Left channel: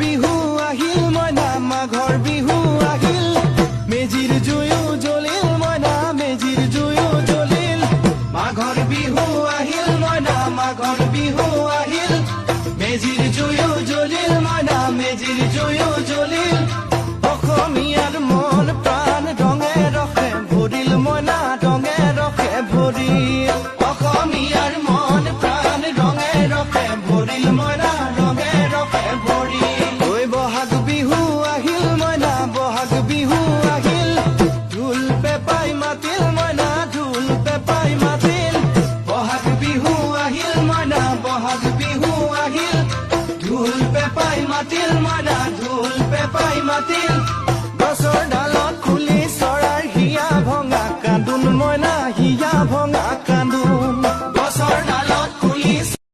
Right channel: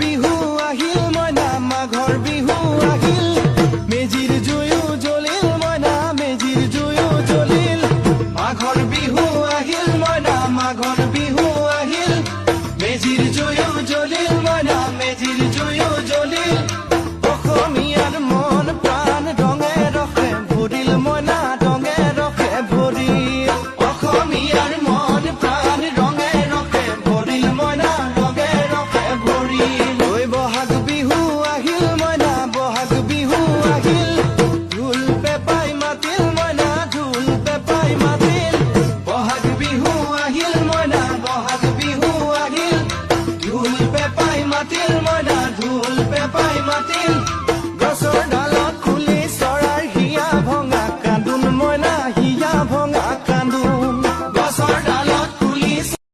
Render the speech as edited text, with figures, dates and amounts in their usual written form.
বিহু আহিল মইনা মাঘৰ বিহু আহিল মেজিৰ জুয়ো জ্বলিল মইনা মেজিৰ জুয়ো জ্বলিল মাঘৰ বিহু আহিল মইনা মাঘৰ বিহু আহিল মেজিৰ জুয়ো জ্বলিল মইনা মেজিৰ জুয়ো জ্বলিল অসমীয়াৰ মন প্ৰাণ ৰঙে ৰসে ভৰিল মইনা ৰঙে ৰসে ভৰিল অসমীয়াৰ মন প্ৰাণ ৰঙে ৰসে ভৰিল মইনা ৰঙে ৰসে ভৰিল ঐ বহাগ বিহু আহিল মইনা বহাগ বিহু আহিল ঢোল পেপাই মাতিল মইনা ঢোল পেপাই মাতিল বহাগ বিহু আহিল মইনা বহাগ বিহু আহিল ঢোল পেপাই মাতিল মইনা ঢোল পেপাই মাতিল